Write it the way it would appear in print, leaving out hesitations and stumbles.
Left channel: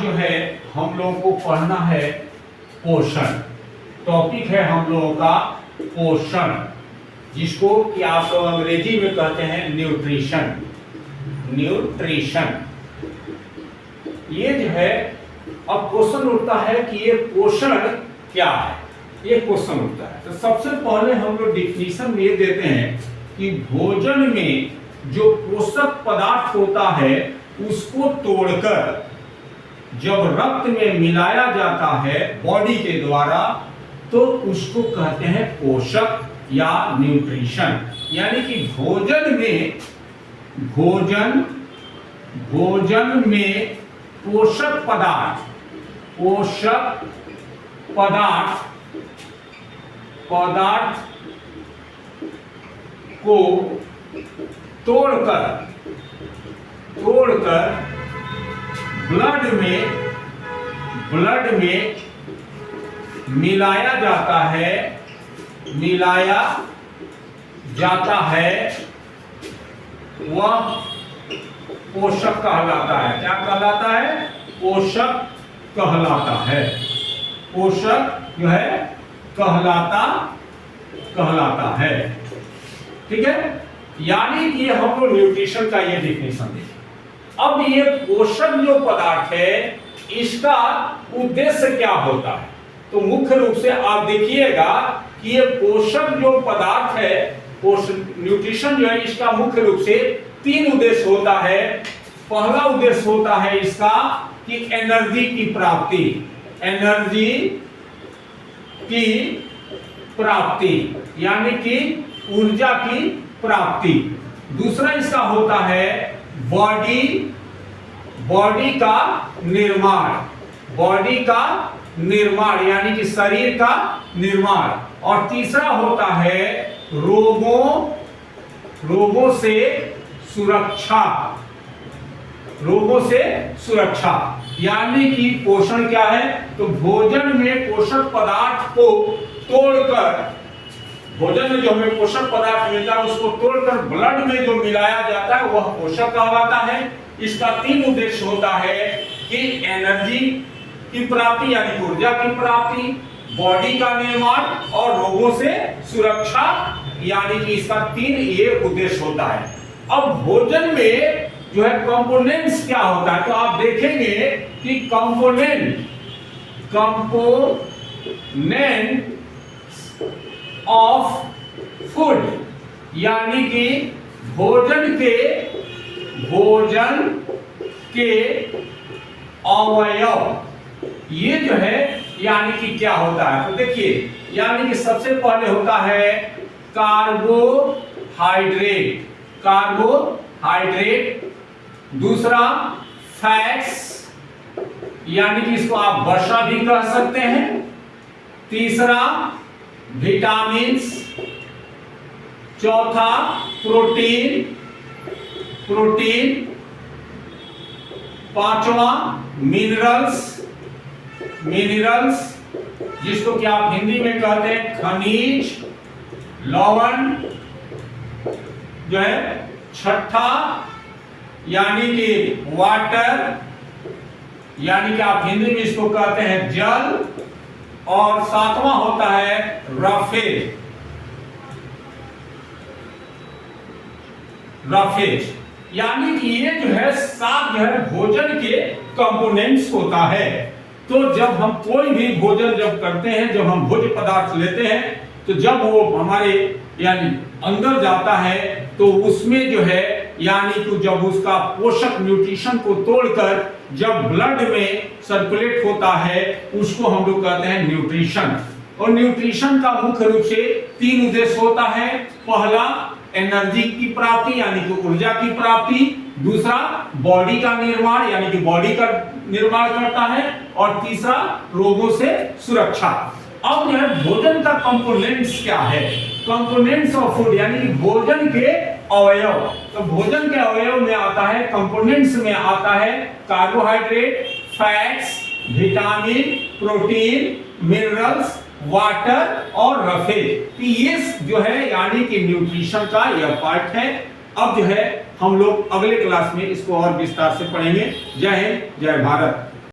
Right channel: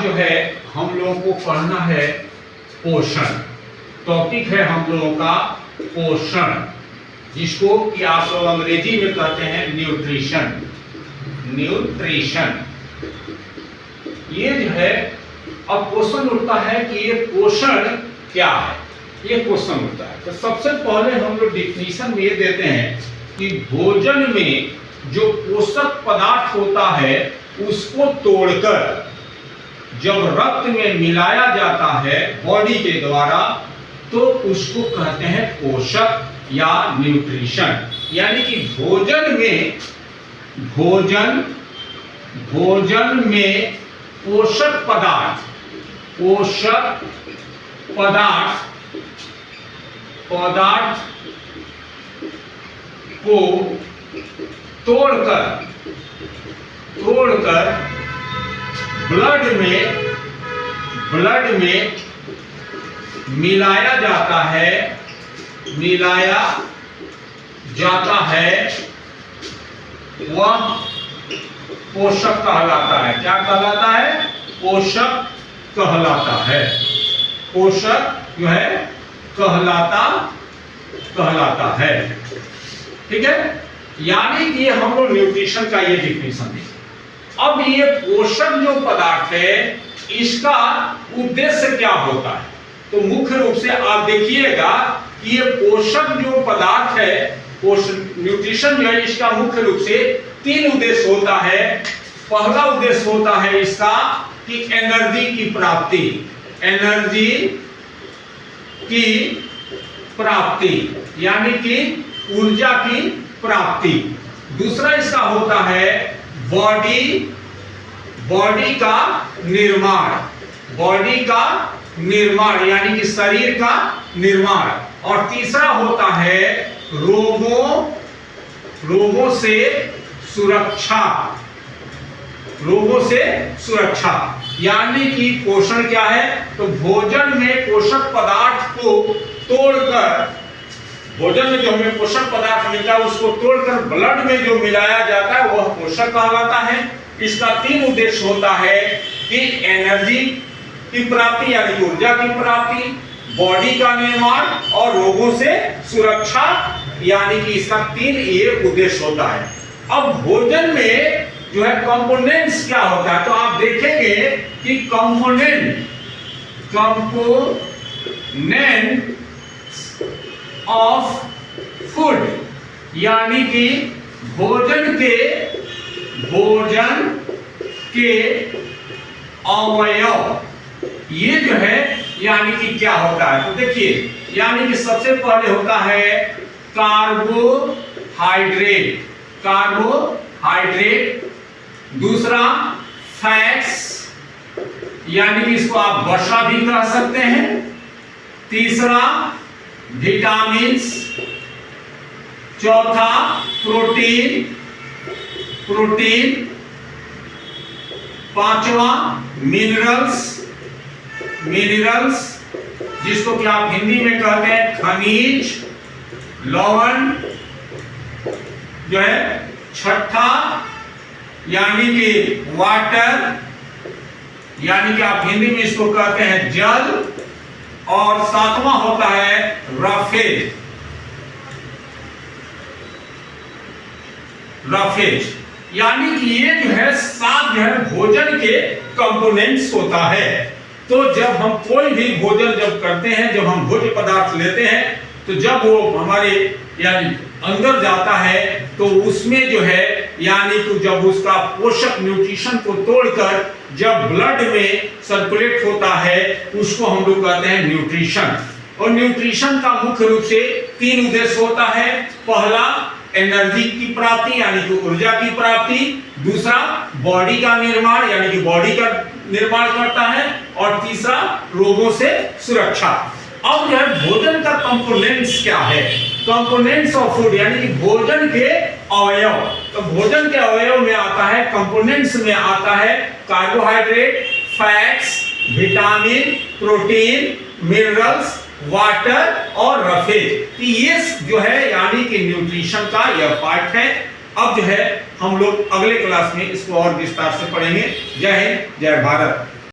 आज जो है हम लोगों को पढ़ना है पोषण। टॉपिक है हम लोगों का पोषण, जिसको कि आप लोग अंग्रेजी में कहते हैं न्यूट्रिशन। न्यूट्रिशन ये जो है, अब क्वेश्चन उठता है कि ये पोषण क्या है, ये क्वेश्चन उठता है। तो सबसे पहले हम लोग डिफिनीशन में ये देते हैं कि भोजन में जो पोषक पदार्थ होता है उसको तोड़कर जब रक्त में मिलाया जाता है बॉडी के द्वारा, तो उसको कहते हैं पोषक या न्यूट्रिशन। यानी कि भोजन में पोषक पदार्थ को तोड़कर ब्लड में मिलाया जाता है, वह पोषक कहलाता है। क्या कहलाता है? पोषक कहलाता है। पोषक जो है कहलाता है। ठीक है, यानी कि हम लोग न्यूट्रिशन का ये डिफिनेशन देखें। अब ये पोषक जो पदार्थ है इसका उद्देश्य क्या होता है? तो मुख्य रूप से आप देखिएगा कि ये पोषक जो पदार्थ है, न्यूट्रिशन जो है, इसका मुख्य रूप से 3 उद्देश्य होता है। पहला उद्देश्य होता है इसका कि एनर्जी की प्राप्ति, यानी कि ऊर्जा की प्राप्ति। दूसरा इसका होता है बॉडी का निर्माण, यानी कि शरीर का निर्माण। और तीसरा होता है रोगों से सुरक्षा। यानी कि पोषण क्या है? तो भोजन में पोषक पदार्थ को तोड़कर, भोजन में जो हमें पोषक पदार्थ मिलता है उसको तोड़कर ब्लड में जो मिलाया जाता है वह पोषक कहलाता है। इसका 3 उद्देश्य होता है कि एनर्जी की प्राप्ति, यानी कि ऊर्जा की प्राप्ति, बॉडी का निर्माण और रोगों से सुरक्षा, यानी कि इसका 3 ये उद्देश्य होता है। अब भोजन में जो है कंपोनेंट्स क्या होता है, तो आप देखेंगे कि कंपोनेंट ऑफ फूड, यानी कि भोजन के अवयव, ये जो है यानी कि क्या होता है? तो देखिए, यानी कि सबसे पहले होता है कार्बोहाइड्रेट, दूसरा फैट्स, यानी कि इसको आप वसा भी कह सकते हैं, तीसरा विटामिन्स, चौथा प्रोटीन, पांचवा मिनरल्स, जिसको कि आप हिंदी में कहते हैं खनिज, लवण जो है, छठा यानी कि वाटर, यानी कि आप हिंदी में इसको कहते हैं जल, और 7वां होता है रफेज। यानी कि ये जो है 7 जो है भोजन के कंपोनेंट्स होता है। तो जब हम कोई भी भोजन जब करते हैं, जब हम भोज्य पदार्थ लेते हैं, तो जब वो हमारे यानी अंदर जाता है तो उसमें जो है यानी कि जब उसका पोषक न्यूट्रिशन को तोड़कर जब ब्लड में सर्कुलेट होता है उसको हम लोग कहते हैं न्यूट्रिशन। और न्यूट्रिशन का मुख्य रूप से 3 उद्देश्य होता है। पहला एनर्जी की प्राप्ति, यानी कि ऊर्जा की प्राप्ति, दूसरा बॉडी का निर्माण, यानी कि बॉडी का निर्माण करता है, और तीसरा रोगों से सुरक्षा। अब यह भोजन का कंपोनेंट्स क्या है? कंपोनेंट्स ऑफ फूड, यानी कि भोजन के अवयव। तो भोजन के अवयव में आता है, कंपोनेंट्स में आता है carbohydrate, fats, vitamin, protein, minerals, water और रफेज। ये जो है यानी कि न्यूट्रिशन का यह पार्ट है। अब जो है हम लोग अगले क्लास में इसको और विस्तार से पढ़ेंगे। जय हिंद, जय भारत।